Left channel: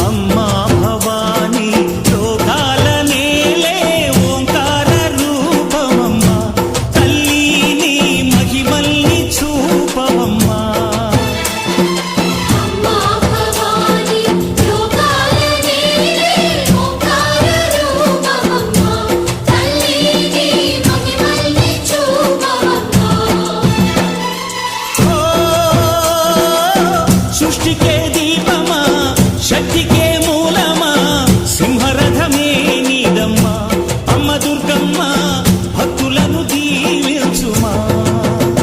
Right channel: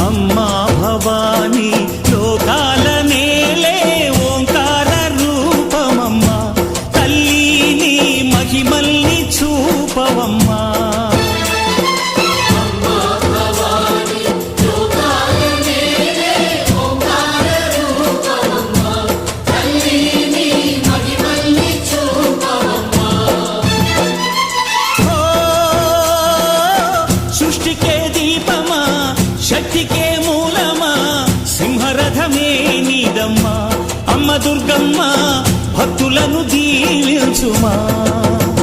అమ్మా భవానీ లోకాల నేలే ఓంకార రూపమమ్మా తల్లి నీ మహిమల్ని చూపవమ్మా సృష్టికే దీపమా శక్తికే మూలమా సింహరథమే నీదమ్మా అమ్మ దుర్గమ్మ భక్తులను దీవించుమా